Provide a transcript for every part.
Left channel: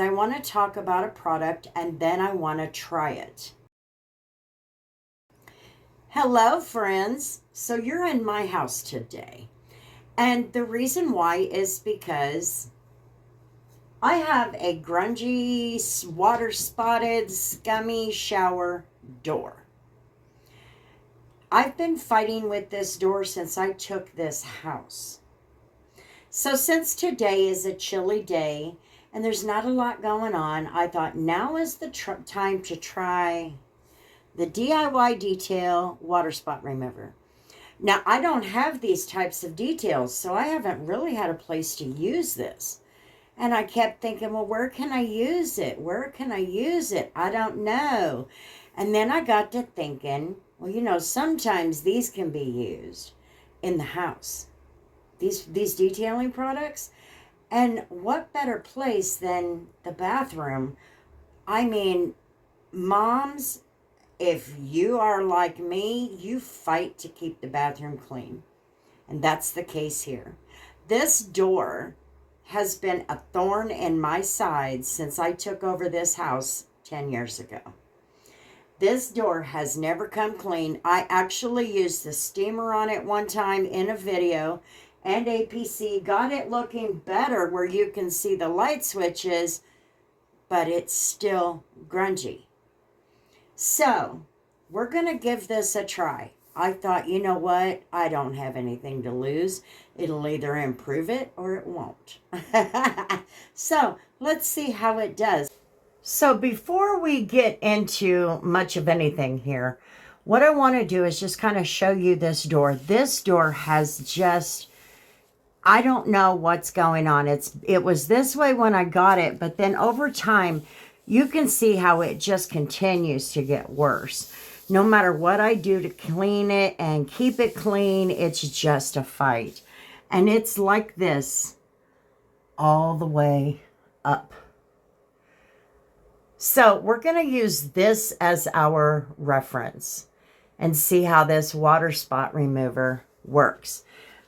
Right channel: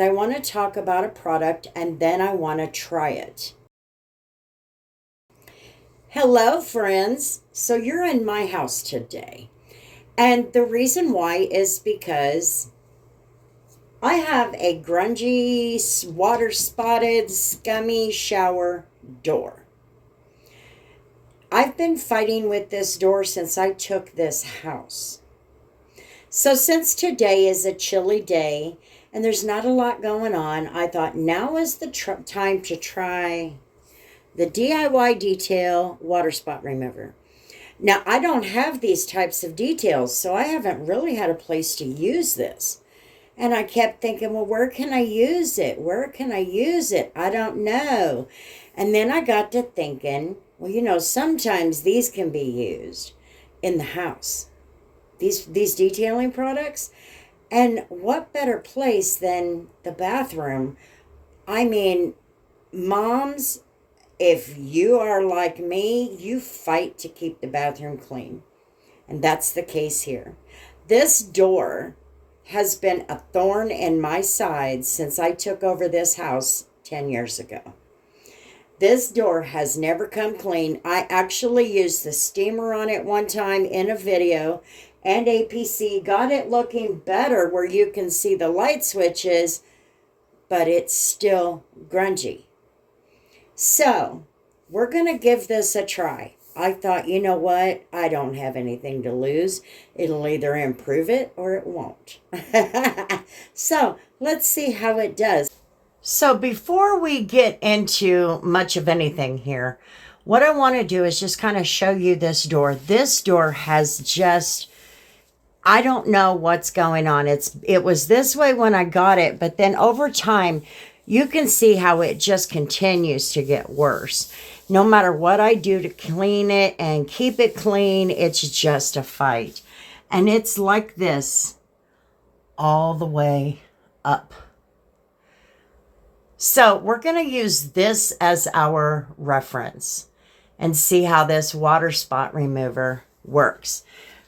I want to talk about a product and then I want to try it. Hello, friends. So you're in my house today. And the reason why is because I have a grungy, water spotted, scummy shower door. I've been fighting with this door since I took this house. So since today is a chilly day and there's not a lot going on, I thought now is the time to try the DIY detail water spot remover. Now, I don't have these types of details, so I haven't really had a place to use this. And I kept thinking, well, where can I use it? Where can I use it? I don't know. And then I got to thinking, well, sometimes these can be used in the house. These detailing products. And what better place than the bathroom? I mean, moms, if you are like me, you fight to keep the bathroom clean. And that's the case here. This door has been a thorn in my side since I took over this house 10 years ago. This door has never come clean. I actually used the steamer on it one time in a video, and APC got it looking better where you can see the light switches, but it's still grungy. So we're going to give this a try. I thought, you know what? I don't have anything to lose. It'll either improve it or it won't. So let's see how it does. So before we get into much of anything here, what I want to do is just kind of show you this door. This door has just, I don't know what's going on. It was this way when I got it, but then over time, you can see how it just continues to get worse. No matter what I do to clean it and keep it clean, it's just a fight. And it's like this all the way up. So we're going to use this as our reference and see how this water spot remover works.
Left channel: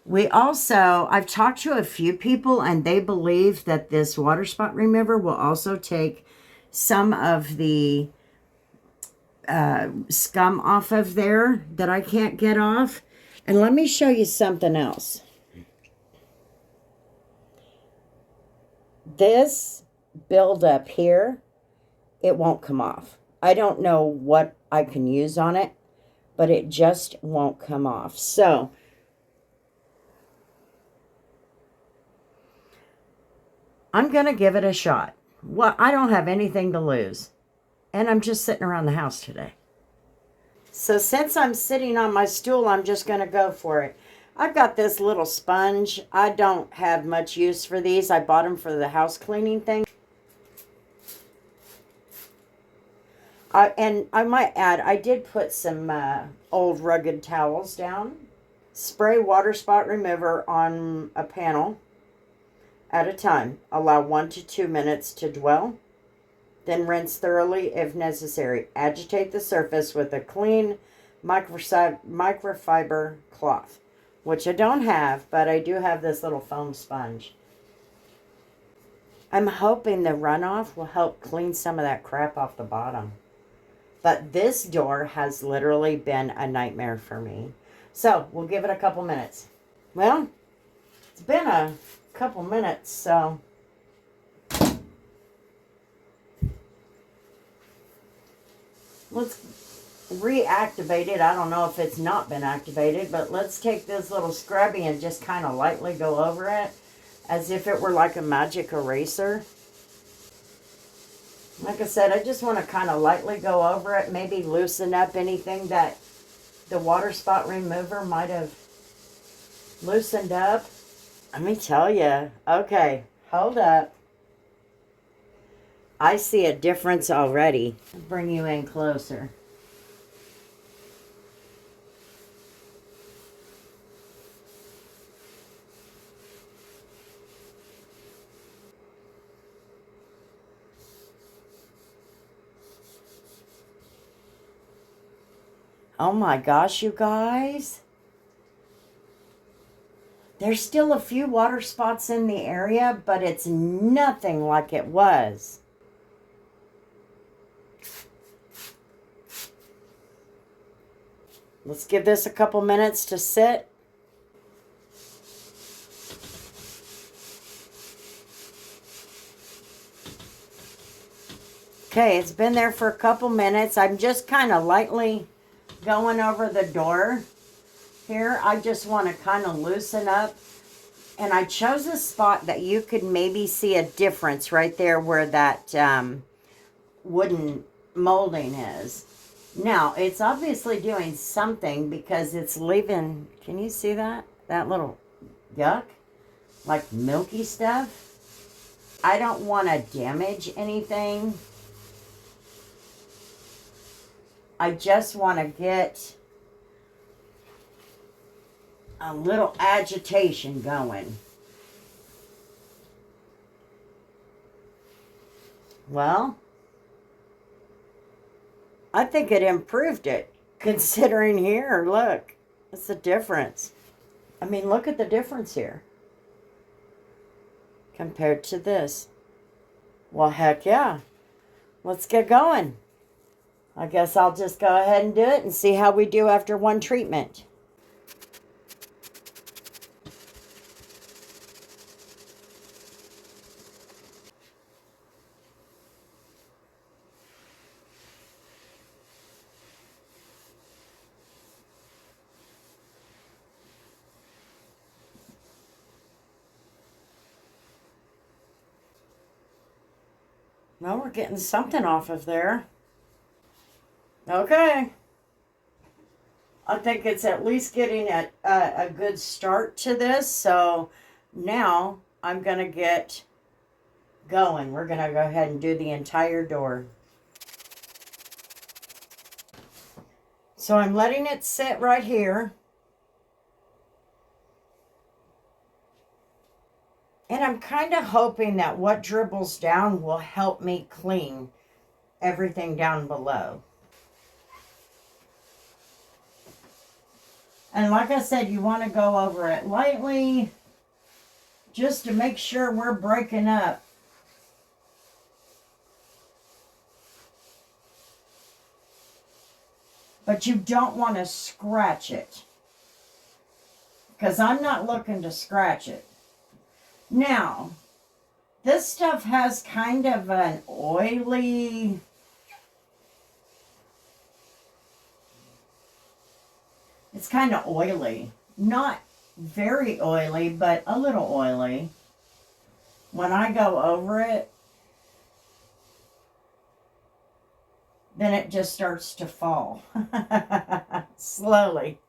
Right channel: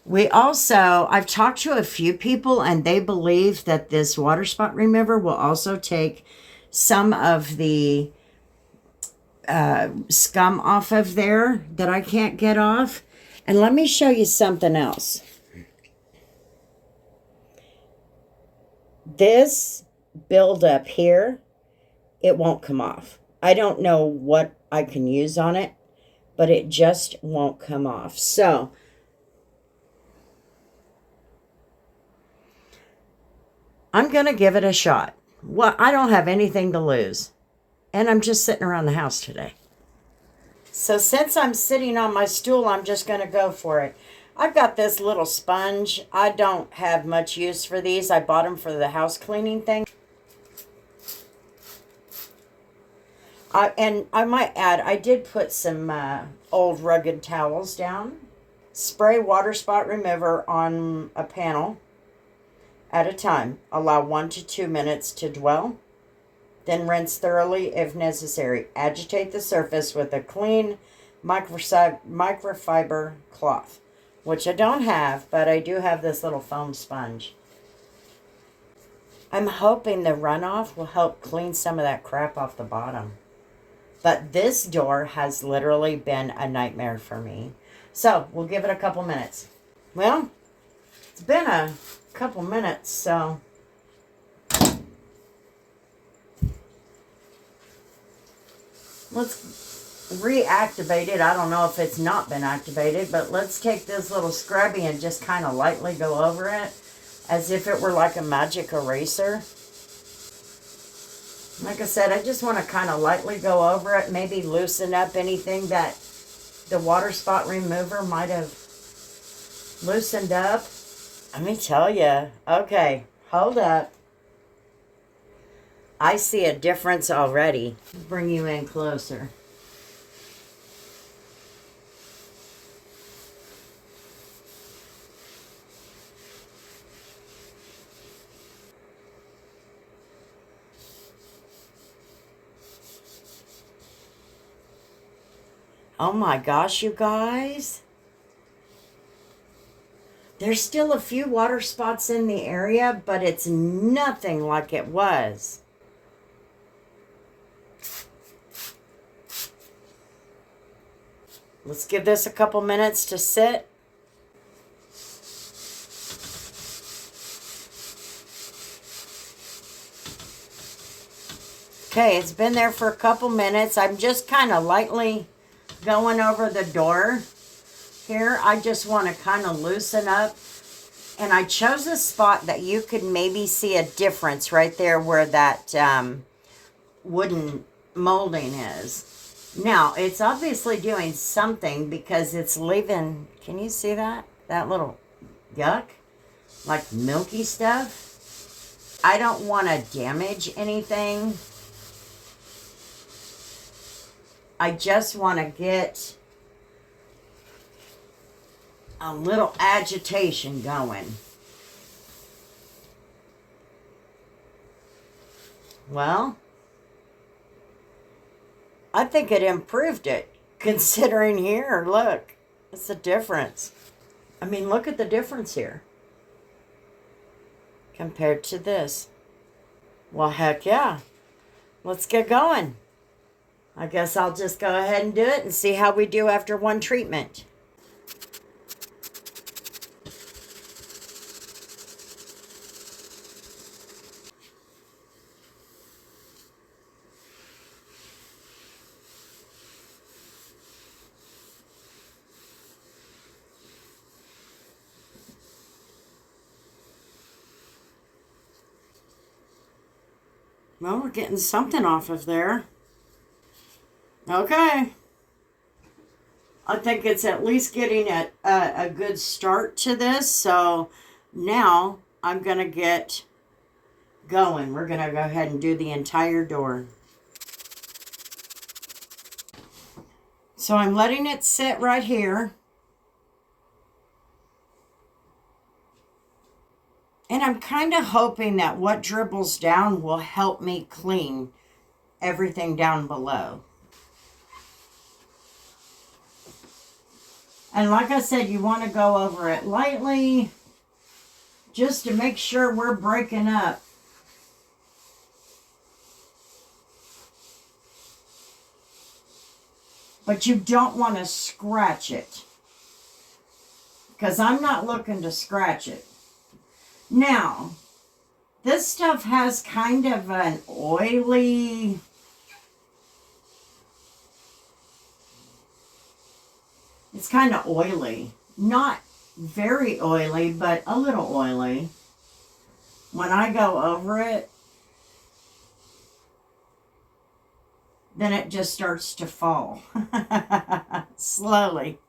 I've talked to a few people and they believe that this water spot remover will also take some of the scum off of there that I can't get off. And let me show you something else. This buildup here, it won't come off. I don't know what I can use on it, but it just won't come off. So I'm going to give it a shot. Well, I don't have anything to lose. And I'm just sitting around the house today. So since I'm sitting on my stool, I'm just going to go for it. I've got this little sponge. I don't have much use for these. I bought them for the house cleaning thing. And I might add, I did put some old rugged towels down. Spray water spot remover on a panel at a time. Allow 1 to 2 minutes to dwell. Then rinse thoroughly if necessary. Agitate the surface with a clean microfiber cloth, which I don't have, but I do have this little foam sponge. I'm hoping the runoff will help clean some of that crap off the bottom. But this door has literally been a nightmare for me. So we'll give it a couple minutes. Well, it's been a couple minutes, so let's reactivate it. I don't know if it's not been activated, but let's take this little scrubby and just kind of lightly go over it as if it were like a magic eraser. Like I said, I just want to kind of lightly go over it, maybe loosen up anything that the water spot remover might have loosened up. Let me tell you. Okay, hold up. I see a difference already. I'll bring you in closer. Oh my gosh, you guys. There's still a few water spots in the area, but it's nothing like it was. Let's give this a couple minutes to sit. Okay, it's been there for a couple minutes. I'm just kind of lightly going over the door here. I just want to kind of loosen up. And I chose a spot that you could maybe see a difference right there where that wooden molding is. Now, it's obviously doing something because it's leaving, can you see that? That little yuck, like milky stuff. I don't want to damage anything. I just want to get a little agitation going. Well, I think it improved it, considering here, look, it's a difference. I mean, look at the difference here compared to this. Well, heck yeah. Let's get going. I guess I'll just go ahead and do it and see how we do after one treatment. Well, we're getting something off of there. Okay. I think it's at least getting a good start to this. So now I'm going to get going. We're going to go ahead and do the entire door. So I'm letting it sit right here. And I'm kind of hoping that what dribbles down will help me clean everything down below. And like I said, you want to go over it lightly just to make sure we're breaking up. But you don't want to scratch it, because I'm not looking to scratch it. Now, this stuff has kind of an oily, it's kind of oily. Not very oily, but a little oily. When I go over it, then it just starts to fall. Slowly.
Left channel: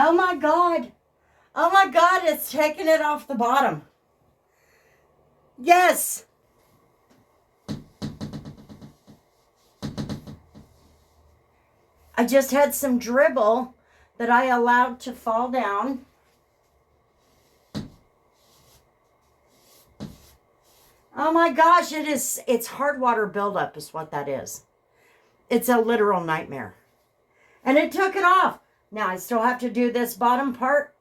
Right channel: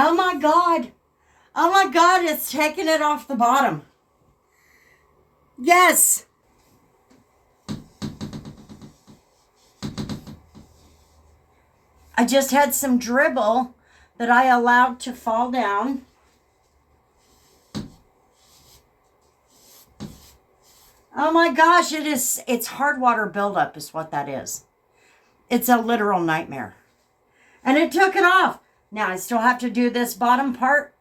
Oh my God. Oh my God, it's taking it off the bottom. Yes. I just had some dribble that I allowed to fall down. Oh my gosh, it's hard water buildup is what that is. It's a literal nightmare. And it took it off. Now I still have to do this bottom part.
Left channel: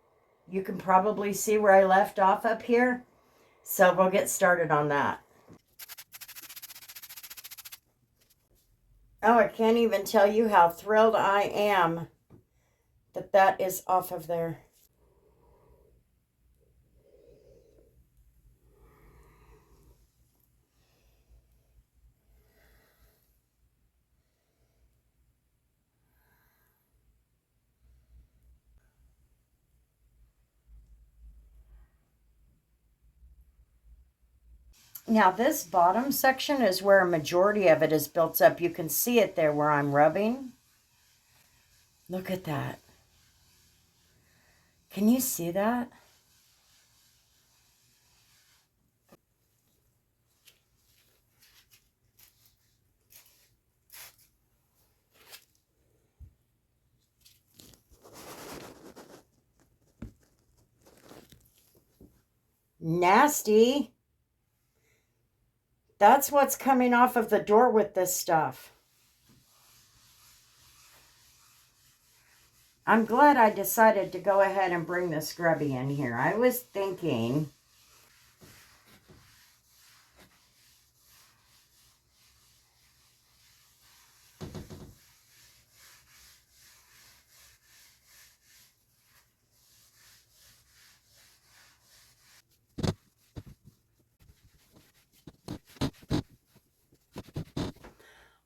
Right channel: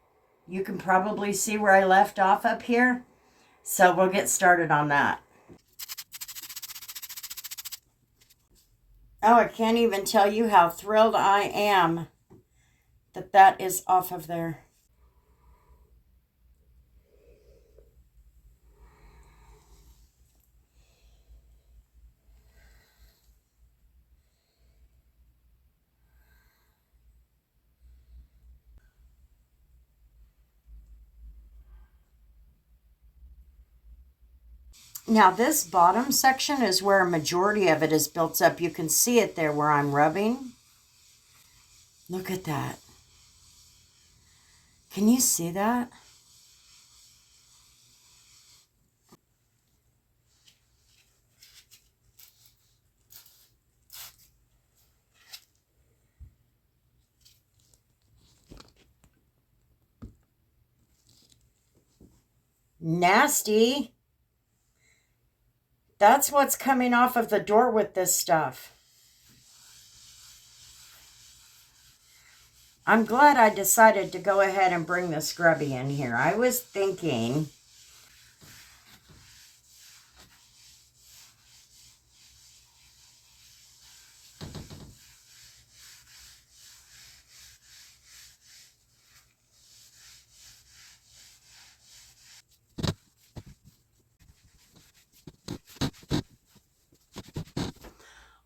You can probably see where I left off up here. So we'll get started on that. Oh, I can't even tell you how thrilled I am that that is off of there. Now this bottom section is where a majority of it is built up. You can see it there where I'm rubbing. Look at that. Can you see that? Nasty. That's what's coming off of the door with this stuff. I'm glad I decided to go ahead and bring the scrubby in here. I was thinking...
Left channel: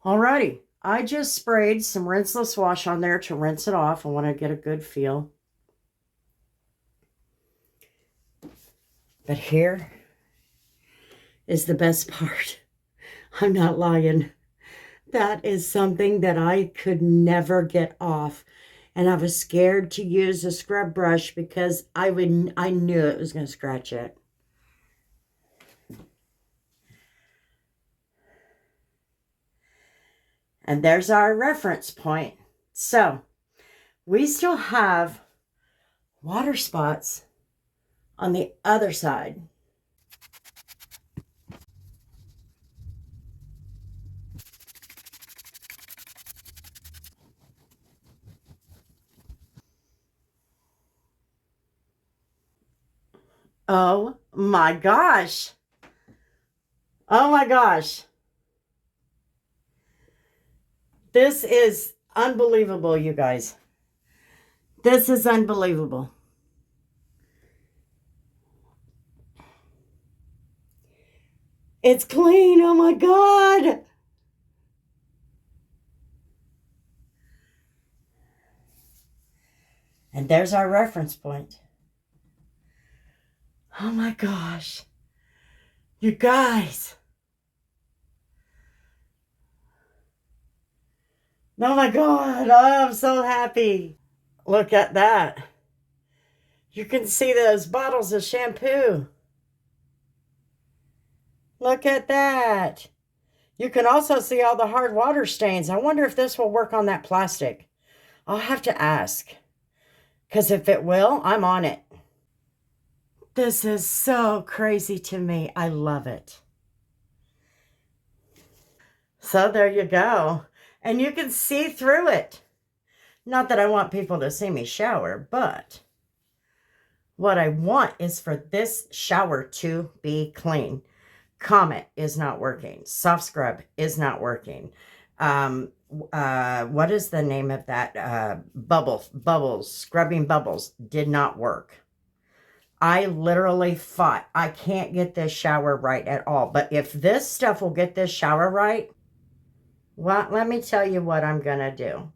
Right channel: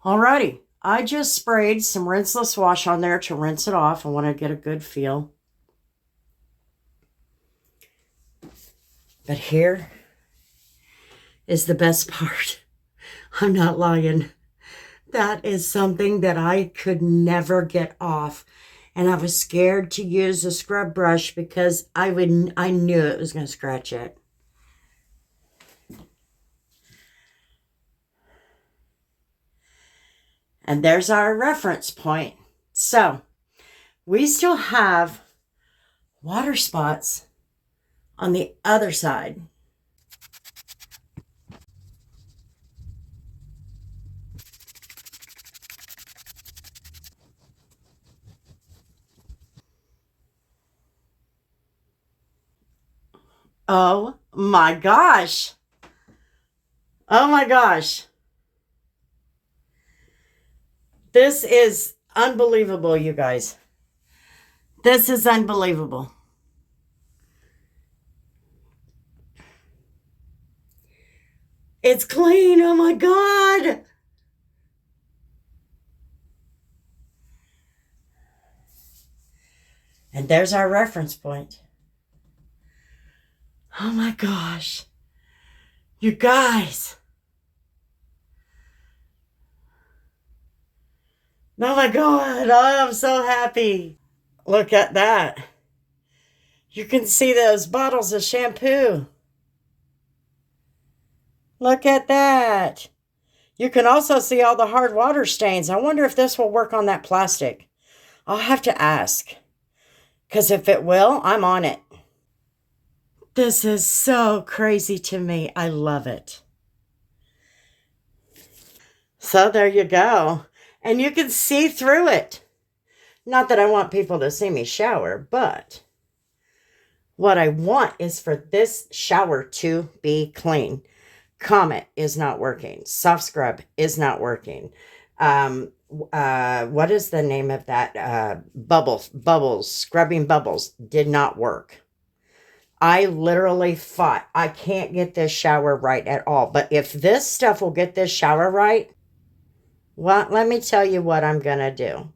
Alrighty, I just sprayed some rinseless wash on there to rinse it off. I want to get a good feel. But here is the best part. I'm not lying. That is something that I could never get off. And I was scared to use a scrub brush because I knew it was going to scratch it. And there's our reference point. So we still have water spots on the other side. Oh my gosh. Oh my gosh. This is unbelievable, you guys. This is unbelievable. It's clean. Oh my God. And there's our reference point. Oh my gosh. You guys. Oh my God. Oh, I'm so happy. Look at that. You can see those bottles of shampoo. Look at that. You can also see all the hard water stains. I wonder if this will work on that plastic. I'll have to ask. Because if it will, I'm on it. This is so crazy to me. I love it. So there you go. And you can see through it. Not that I want people to see me shower, but what I want is for this shower to be clean. Comet is not working. Soft scrub is not working. What is the name of that? Bubbles, scrubbing bubbles did not work. I literally fought. I can't get this shower right at all. But if this stuff will get this shower right, well, let me tell you what I'm going to do.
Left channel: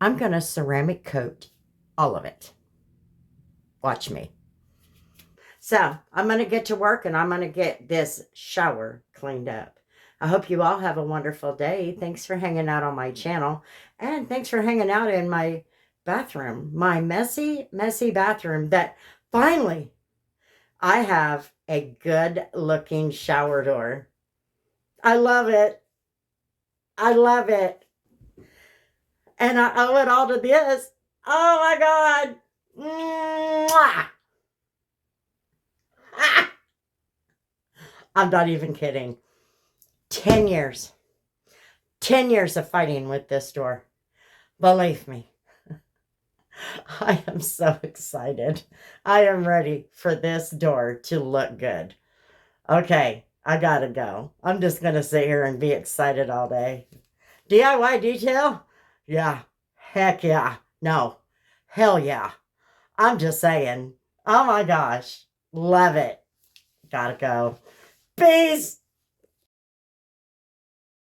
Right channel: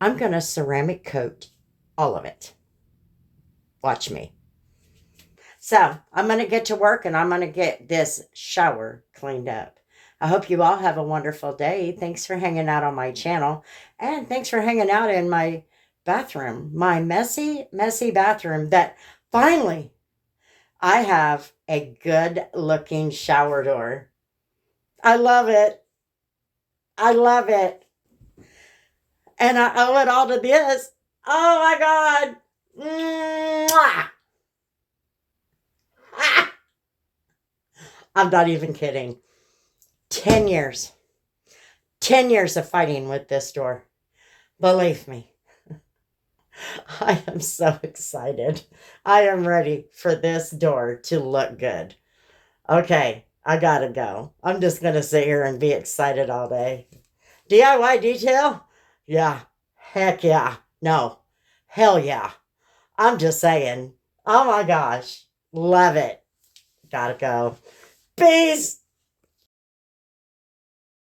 I'm going to ceramic coat all of it. Watch me. So I'm going to get to work and I'm going to get this shower cleaned up. I hope you all have a wonderful day. Thanks for hanging out on my channel. And thanks for hanging out in my bathroom. My messy, messy bathroom that finally I have a good looking shower door. I love it. I love it. And I owe it all to this. Oh my God. Mwah. Ah. I'm not even kidding. 10 years. 10 years of fighting with this door. Believe me. I am so excited. I am ready for this door to look good. Okay, I gotta go. I'm just gonna sit here and be excited all day. DIY detail? Yeah. Heck yeah. No. Hell yeah. I'm just saying. Oh my gosh. Love it. Gotta go. Peace.